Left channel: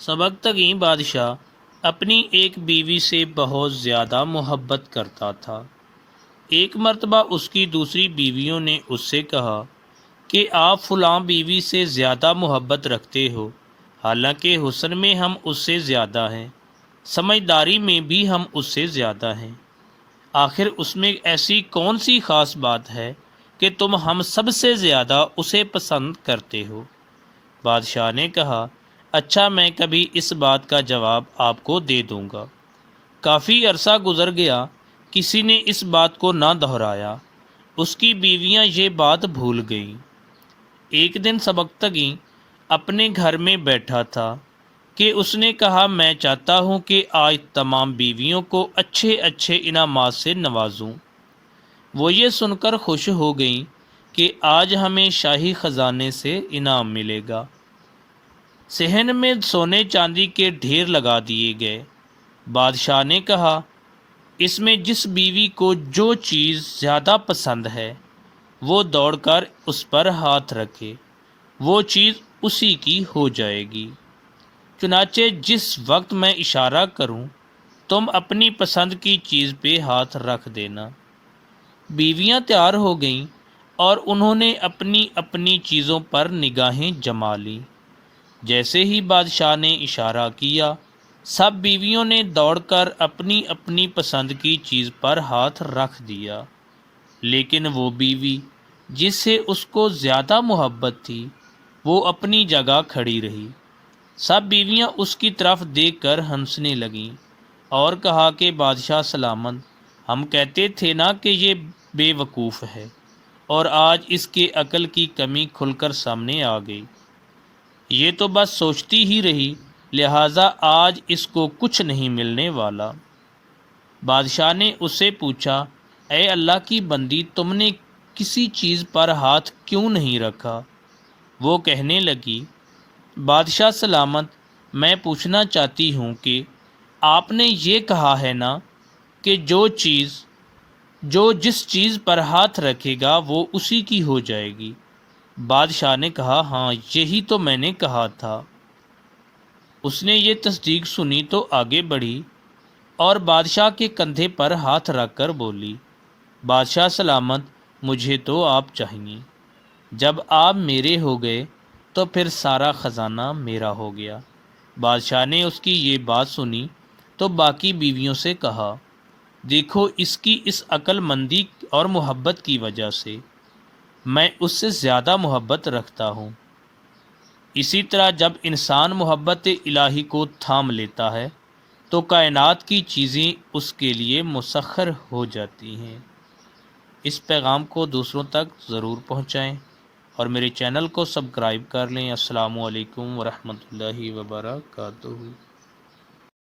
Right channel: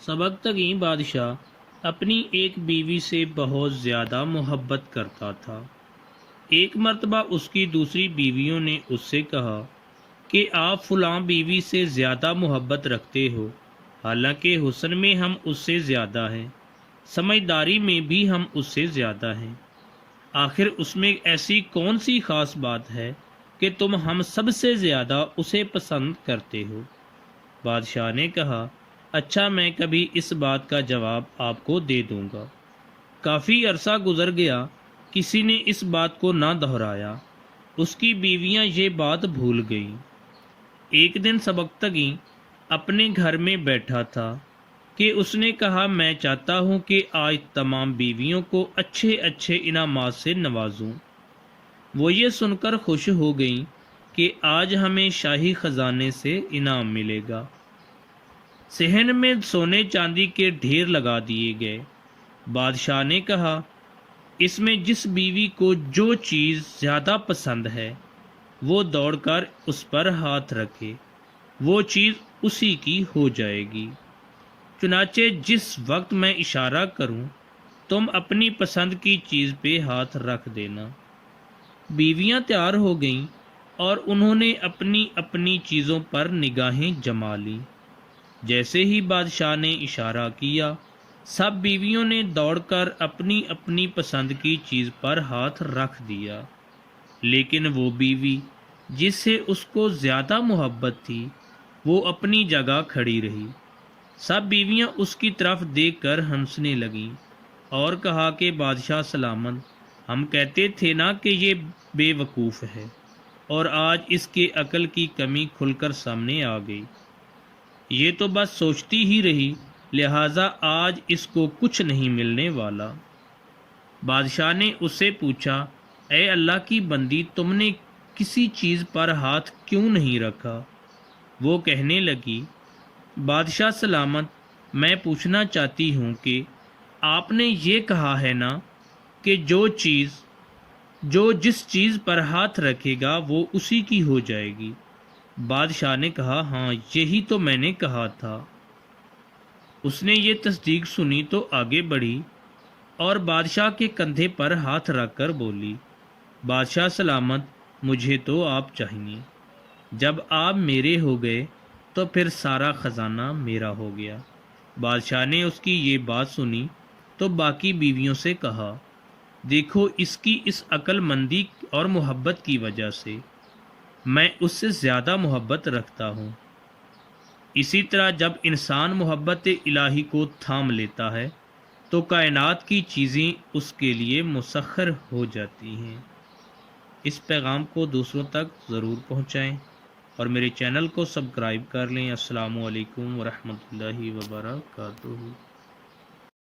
سبکتگین بادشاہ اپنی ایک بیوی سے بہت زیادہ محبت کرتا تھا۔ ایک مرتبہ اس کی دوسری بیویوں نے اس سے کہا کہ آپ فلاں بیوی سے زیادہ محبت رکھتے ہو، حالانکہ حسن میں ہم اس سے زیادہ ہیں، سمجھداری میں بھی ہم اس سے زیادہ ہیں۔ آخر اس میں ایسی کون سی خاص بات ہے کہ تم ہم سب سے زیادہ اسے پسند کرتے ہو؟ بادشاہ نے کہا، اچھا میں کبھی اس بات کا جواب آپ کو دے دوں گا۔ کافی عرصہ گزر گیا، کسی نے اس بات کو نہ دہرایا۔ اس کی بیویاں یہ بات بھول گئیں۔ ایک دن سبکتگین اپنے گھر میں بیٹھا تھا کہ اس نے کہا، میں چاہتا ہوں کہ آج تمام بیویوں کو اچھے اچھے انعامات سے نوازوں۔ وہ یہ سن کر خوش ہو گئیں کہ آج ہمیں شاہی خزانے سے انعام ملے گا۔ صحن میں سونے چاندی کے ڈھیر لگا دیے گئے۔ بادشاہ نے کہا، اس میں جس بیوی کو جو چیز زیادہ پسند ہے وہ دوڑ کر اس پر ہاتھ رکھے، وہ چیز اسی کی ہو جائے گی۔ چنانچہ جس وقت میں اشارہ کروں تم اپنی پسند کی چیز پہ ہاتھ رکھ دینا۔ بیویاں تیار ہو گئیں اور انہوں نے اپنی اپنی چیزوں پر نگاہیں جما لیں۔ جیسے ہی بادشاہ نے اشارہ کیا، سب بیویوں نے دوڑ کر اپنی اپنی پسند کی چیز پر ہاتھ رکھ دیا، لیکن وہ بیوی جس سے اس کو زیادہ محبت تھی وہ اپنی جگہ کھڑی رہی۔ سب بیویاں اس کی طرف دیکھ کر ہنسنے لگیں اور کہا کہ بادشاہ سلامت، ہم کہتے تھے نا کہ یہ بے وقوف ہے، اور آج اس کے عقل کی کمی کھل کر سامنے آ گئی۔ یہ تو بس سوچتی ہی رہی، لہٰذا آج اس کو کچھ نہیں ملنے والا۔ بادشاہ نے اس سے پوچھا، اے اللہ کی بندی، تم نے کسی چیز پر ہاتھ کیوں نہیں رکھا؟ وہ کہنے لگی، بادشاہ سلامت، میں پوچھنا چاہتی ہوں کہ آپ نے یہ کہا ہے نا کہ جو جس چیز پر ہاتھ رکھے گا وہ اسی کی ہو جائے گی۔ بادشاہ نے کہا، ہاں یہی تو میں نے کہا تھا۔ اس نے یہ تصدیق سنی تو آگے بڑھی اور بادشاہ کے کندھے پر ہاتھ رکھ کر بولی، بادشاہ سلامت، مجھے تو آپ چاہیے۔ جب آپ میرے ہو گئے تو پھر سارا خزانہ میرا ہو گیا۔ بادشاہ نے اس کی یہ بات سنی تو باقی بیویوں سے کہا، دیکھو اس کی اس عقل مندی اور محبت کی وجہ سے میں اس سے زیادہ محبت رکھتا ہوں۔ اسی طرح جب انسان محبت الہی کو تھام لیتا ہے تو کائنات کی چیزیں اس کے لیے مسخر ہو جاتی ہیں۔ اس پیغام کو دوسروں تک ضرور پہنچائیں اور میرے چینل کو سبسکرائب کر لیں۔ السلام علیکم ورحمۃ اللہ وبرکاتہ۔